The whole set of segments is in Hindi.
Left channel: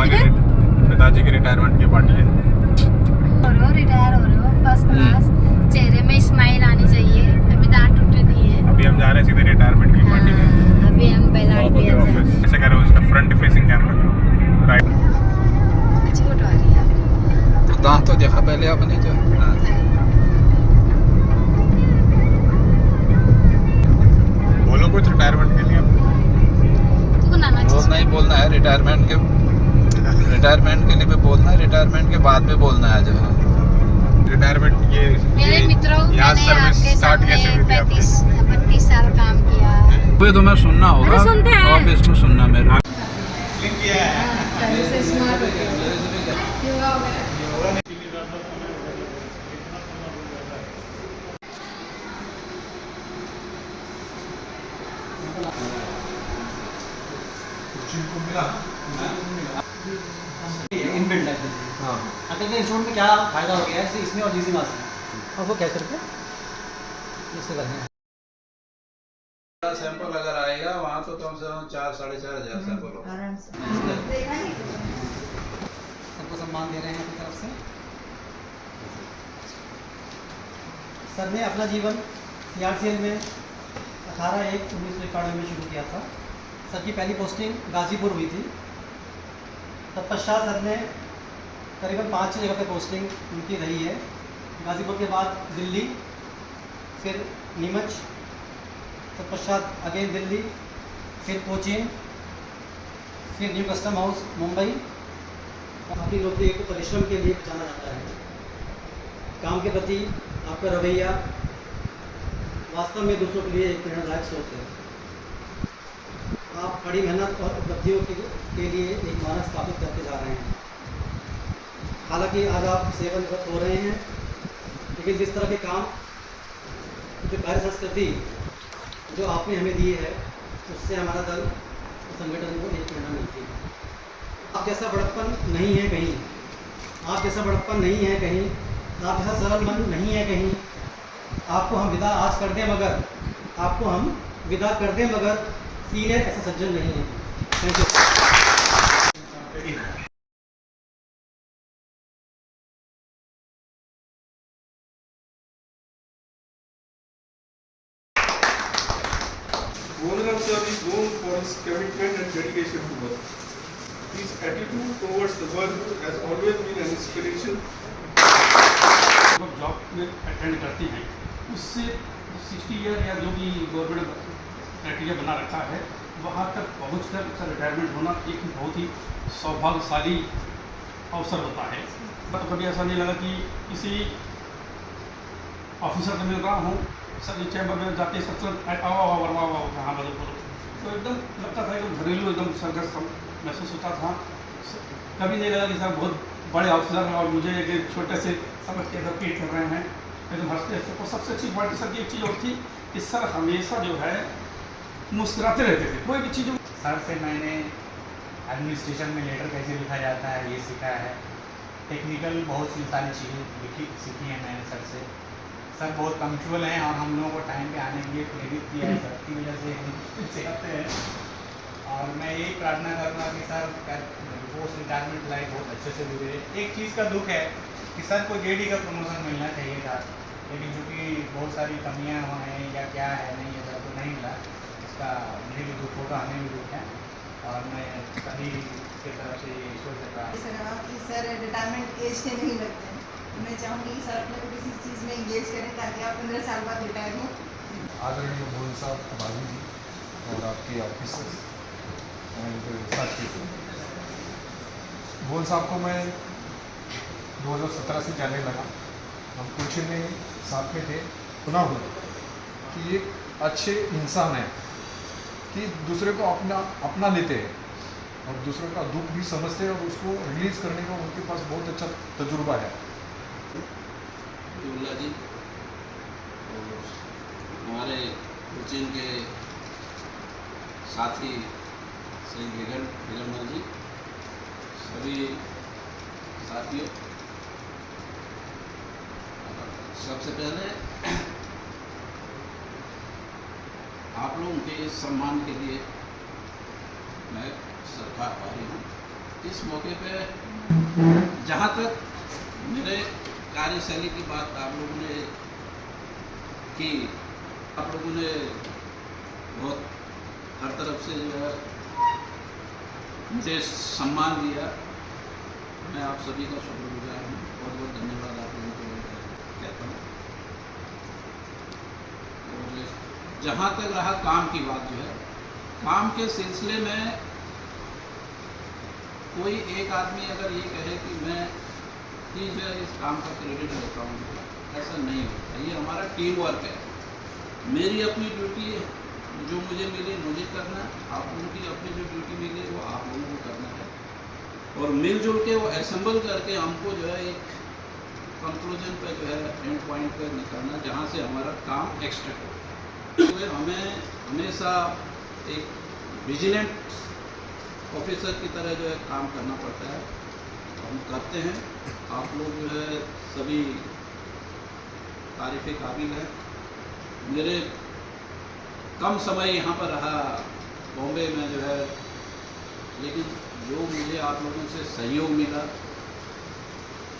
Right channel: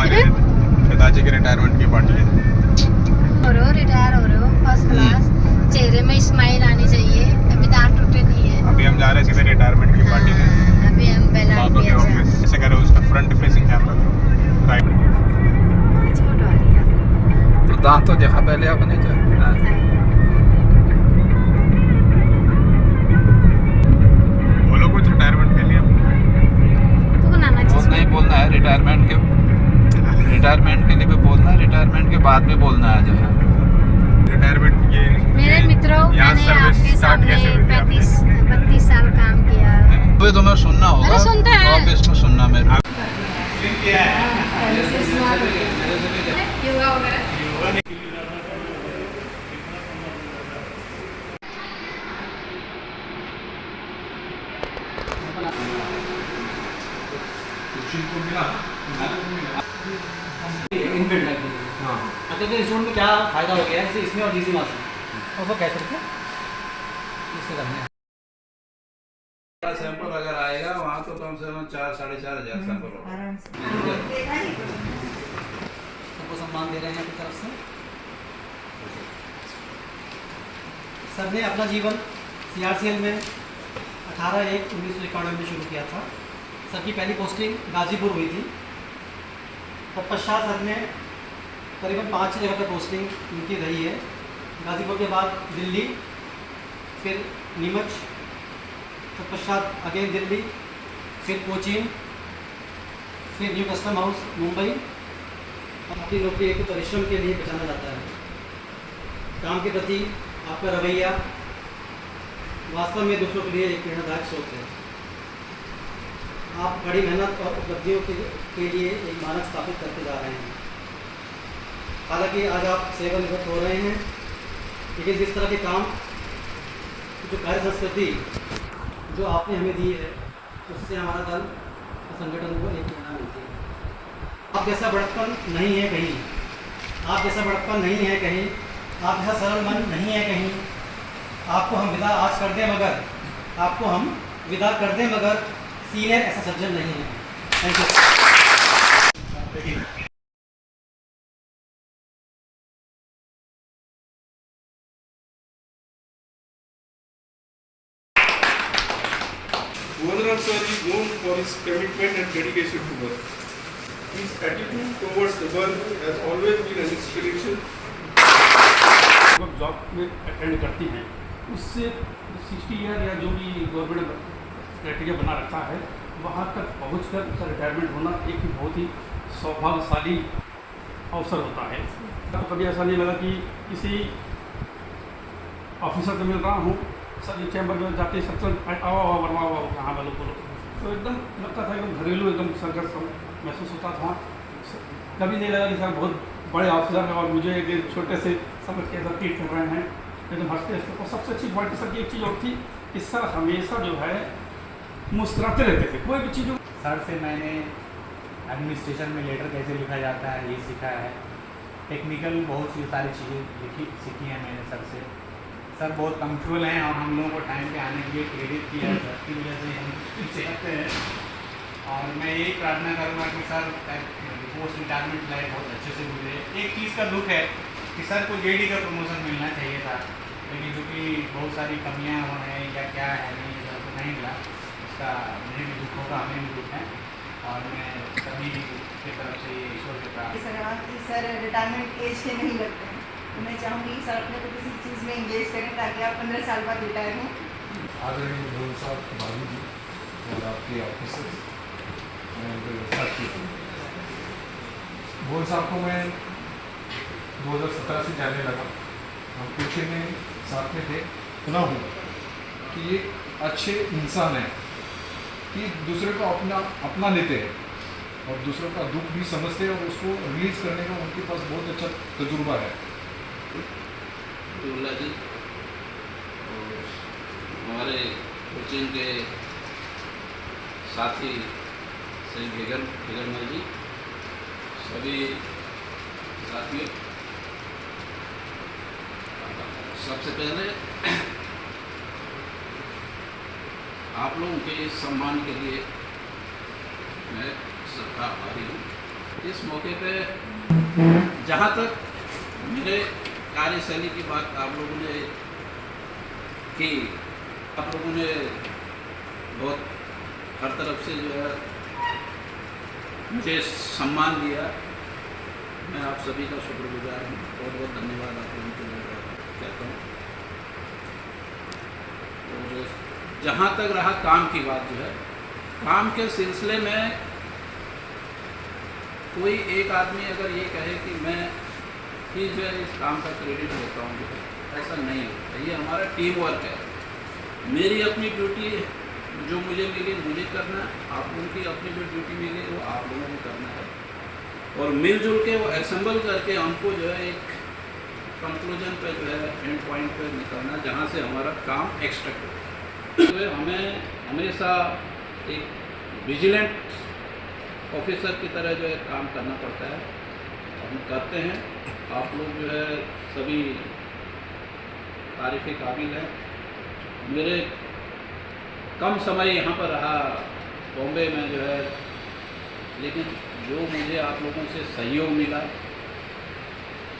हमारे पिताजी के रिटायरमेंट की पार्टी है। रिटायर हो रहे हो फर्स्ट क्लास, चेहरे में स्माइल आनी चाहिए, अभी दांत टूटे नहीं है। अभी हम जा रहे हैं सीधे रिटायरमेंट की पार्टी में। अभी हम बाबा के ऑफिस ऐसे कह रहे हो, उसका फ्रंट फेसिंग कैमरा राइट। अच्छी फोटो आ रही है। तो दांत तो देखा पहले आपने जो बोलो कुछ रिटायरमेंट के लिए। तो बनाना बहुत नहीं बोलना है रिटायरमेंट के लिए भी बोलना है, रिटायरमेंट के बाद में बोलना है जो है रिटायरमेंट ये मेरे मित्रों, यहाँ मैंने सर्विस आपके स्टार्ट सामने कैसे हुई थी आपकी? 32 साल काम किया। तो तुम्हें सुनना होगा, अरे सुनते हैं। ऑफिस में सुनना मेरे पहले से स्मार्ट हो गया। योगा वगैरह इनबिल्ट लग गई। हाँ, अगर इंस्ट्रूमेंट में क्या फायदा हो गया है, जैसे इसमें और जीजी मास्टर उसको कैसे करके इससे करना है। सैंपल अगर आएगा वहाँ तो कम से कम 4-4.5 सैंपल होगा। सबको सम्मान दे रहे हैं अपनी तरफ से। सर ने अपना जीवन CRCL में 18/1/1991 में शुरू किया था। सर की पहली पोस्टिंग गाजीपुर हुई थी। तत्पश्चात सर ने करीबन 5-6 जगह पर पोस्टिंग उनकी रही है। गाजीपुर के बाद दिल्ली, फिर नीमच, तत्पश्चात अगेन दिल्ली, फिर कोचीन, फिर न्यू कस्टम हाउस मुंबई। अपनी नौकरी एक परिश्रम के लिए पहचाना जाता है। काम के प्रति आपका रवैया वास्तव में दूसरों के लिए एक प्रेरणादायक स्रोत है। आप बड़ी मेहनत और उपलब्धियों के लिए एक मानक स्थापित करते जा रहे हैं। हालांकि आज आप सेवानिवृत्त हो रहे हैं, लेकिन जिस तरह के काम, जो कार्य संस्कृति जो आपने हमें दी है, उससे हमारा दल और संगठन को एक प्रेरणा मिलती है। आप जैसा बड़प्पन नहीं है कहीं, आप जैसा बड़प्पन नहीं है कहीं, आप जैसा सरल मन नहीं है कहीं। आपको हम विदा आज कर दें मगर, आपको हम विदा कर दें मगर सीनियर ऐसा सज्जन नहीं है। Thank you. Governor sir is known for his commitment and dedication to work. His attitude towards the work has always been an inspiration. Job में अटेंड करती हैं उससे 60 ईयर या जो भी गवर्नमेंट क्राइटेरिया बना रखा है वहाँ तक पहुँचकर उसका रिटायरमेंट होना एक बहुत ही सौभाग्यशाली अवसर होता है। तो कभी ऐसा नहीं लगा कि किसी ऑफिसर से मिल रहा हूँ, सर चैम्बर में जाके सबसे आओ वर्मा जहाँ वालों को, तो एकदम लगता था एकदम घरेलू एकदम संघर्ष महसूस होता था। कभी नहीं लगा कि सर बहुत बड़े ऑफिसर हैं और मुझे एक छोटे से समझ के अंदर ट्रीट कर रहे हैं, एकदम हंसते हंसते। और सबसे अच्छी क्वालिटी सर की एक चीज़ और थी कि सर हमेशा जो है मुस्कुराते रहते थे, कोई भी चीज़। सर से मैंने एडमिनिस्ट्रेशन में लेटर कैसे लिखा जाता है ये सीखा है। टेक्निकल बहुत सी सारी चीज़ें सीखी हैं मैंने सर से। सर बहुत पंक्चुअल हैं और हम लोगों को टाइम पे आने के लिए प्रेरित किया है, सर की वजह से हम पीछे करते हैं। और मैं यही प्रार्थना करूँगा कि सर पोस्ट रिटायरमेंट लाइफ बहुत अच्छे से गुजरे। एक चीज़ का दुख है कि सर को JD का प्रमोशन मिलना चाहिए था, लेकिन चूँकि बहुत सारी कमियाँ हैं या क्या है नहीं ये सर को नहीं मिला, उसका मुझे भी दुख होगा, हमें भी दुख है। और मैं सभी की तरफ से ईश्वर से प्रार्थना कि सर रिटायरमेंट एज से नहीं लगते हैं। मैं चाहूँगी सर अपने को किसी चीज़ में इंगेज करें ताकि आप 15 साल बाद रिटायर हों। आदरणीय भुवन साहब, बाबू जी और आपके ऑफिसर्स एंड साथी, भुवन साहब को मैं 2017 से जानने लगा। हम कोचिंग में साथ में थे, सुना हूँ कि ये अच्छे इंसान हैं कि दूसरे को अपना लेते हैं और दूसरों का दुख भी समझते हैं और उसको रिलीज़ करने का उनके पास बहुत अच्छा तजुर्बा है। दुल्ला जी और हमारे कोचिंग के साथी श्री भेगनमल जी, सभी साथियों, सबसे पहले आप लोगों के इस सम्मान के लिए मैं सर का आभारी हूँ। इस मौके पे जहाँ तक मेरे कार्यशैली की बात आप लोगों ने की, आप लोगों ने बहुत हर तरफ से जो है मुझे सम्मान दिया, मैं आप सभी का शुक्रगुजार हूँ। बहुत बहुत धन्यवाद आप लोगों को कहता हूँ। और जहाँ तक रहा काम की बात, जो है काम के सिलसिले में कोई एक आदमी अगर ये कहे कि मैं ही जो है इस काम का क्रेडिट लेता हूँ, ऐसा नहीं होता। ये हमारा टीम वर्क है। मेरी अपनी ड्यूटी जो मुझे मिली मुझे करना, आप लोगों की अपनी जो ड्यूटी मिली वो आप लोगों को करना है, और मिलजुल के वो असेंबल करके हमको जो है एक कंक्लूजन पे जो है एंड पॉइंट पे निकलना, जहाँ से हमारा काम एक्सट्रैक्ट हो। तो हमें हमेशा एक विजिलेंट ऑफिसर की तरह जो है काम करना पड़ता है, हम करते हैं। आप लोग जो है सभी तारीफ़ काबिल हैं। मेरे कम समय यहाँ पर रहा बॉम्बे में जो है, लेकिन जो मुझे आप लोगों से सहयोग मिला,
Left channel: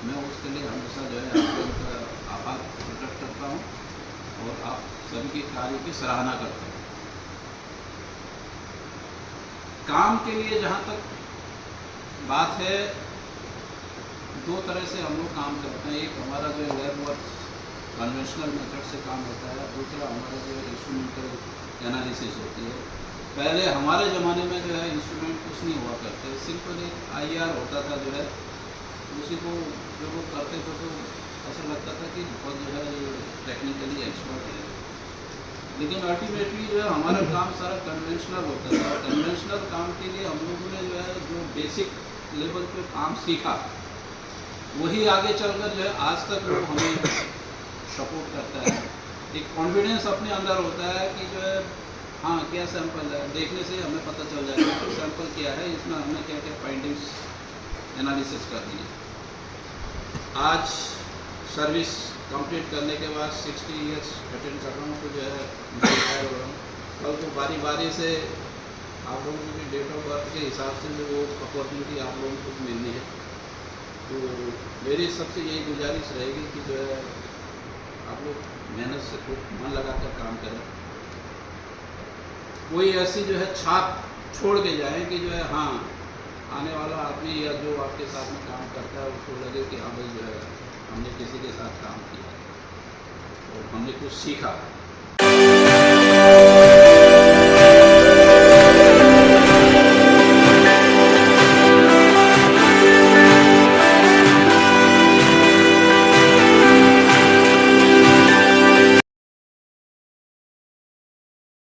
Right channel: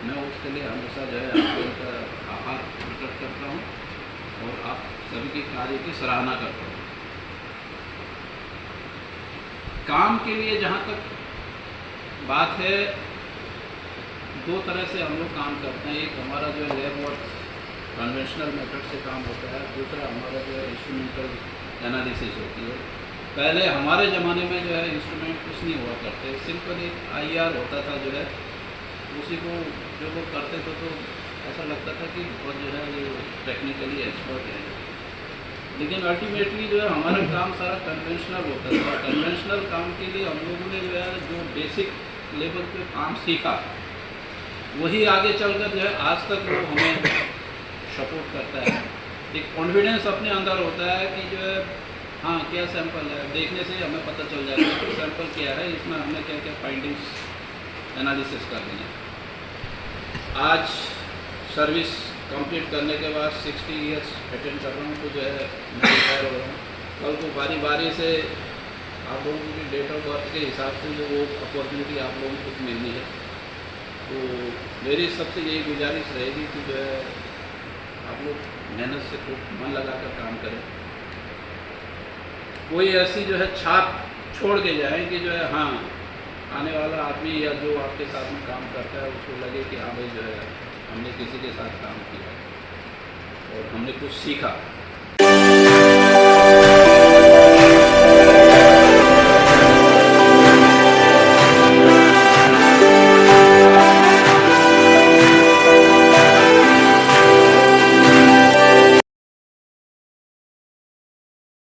मैं उसके लिए हमेशा जो है आप लोगों का आभार प्रकट करता हूँ और आप सभी के कार्य की सराहना करता हूँ। काम के लिए जहाँ तक बात है, दो तरह से हम लोग काम करते हैं। एक हमारा जो है लैब वर्क कन्वेंशनल मेथड से काम होता है, दूसरा हमारा जो है इंस्ट्रूमेंटल एनालिसिस होती है। पहले हमारे ज़माने में जो है इंस्ट्रूमेंट कुछ नहीं हुआ करते, सिंपल एक IR होता था जो है, उसी को जो लोग करते थे तो ऐसा लगता था कि बहुत जो है ये टेक्निकली एक्सपर्ट है। लेकिन अल्टीमेटली जो है हमारा काम सारा कन्वेंशनल होता था। कन्वेंशनल काम के लिए हम लोगों ने जो है जो बेसिक लेवल पे काम सीखा, वही आगे चलकर जो है आज तक वो हमें सपोर्ट करता है। एक कॉन्फिडेंस अपने अंदर होता है कि जो है हाँ क्या सैंपल है, देखने से ही हमें पता चल जाता है कि सैंपल क्या है, इसमें हमें क्या क्या फाइंडिंग्स एनालिसिस करनी है। आज सर्विस कंप्लीट करने के बाद 60 ईयर्स अटेंड कर रहा हूँ, तो जो है मैं रिटायर हो रहा हूँ। कल को बारी बारी से आप लोगों की डेट ऑफ बर्थ के हिसाब से जो वो अपॉर्चुनिटी आप लोगों को मिलनी है, तो मेरी सबसे यही गुजारिश रहेगी कि जो है आप लोग मेहनत से खूब मन लगा कर काम करें। कोई ऐसी जो है छाप छोड़ के जाएं कि जो है हाँ आने वाला आदमी या जो आपके साथ में काम करता है उसको लगे कि हाँ भाई जो है हमने किसी के साथ काम किया और हमने कुछ सीखा।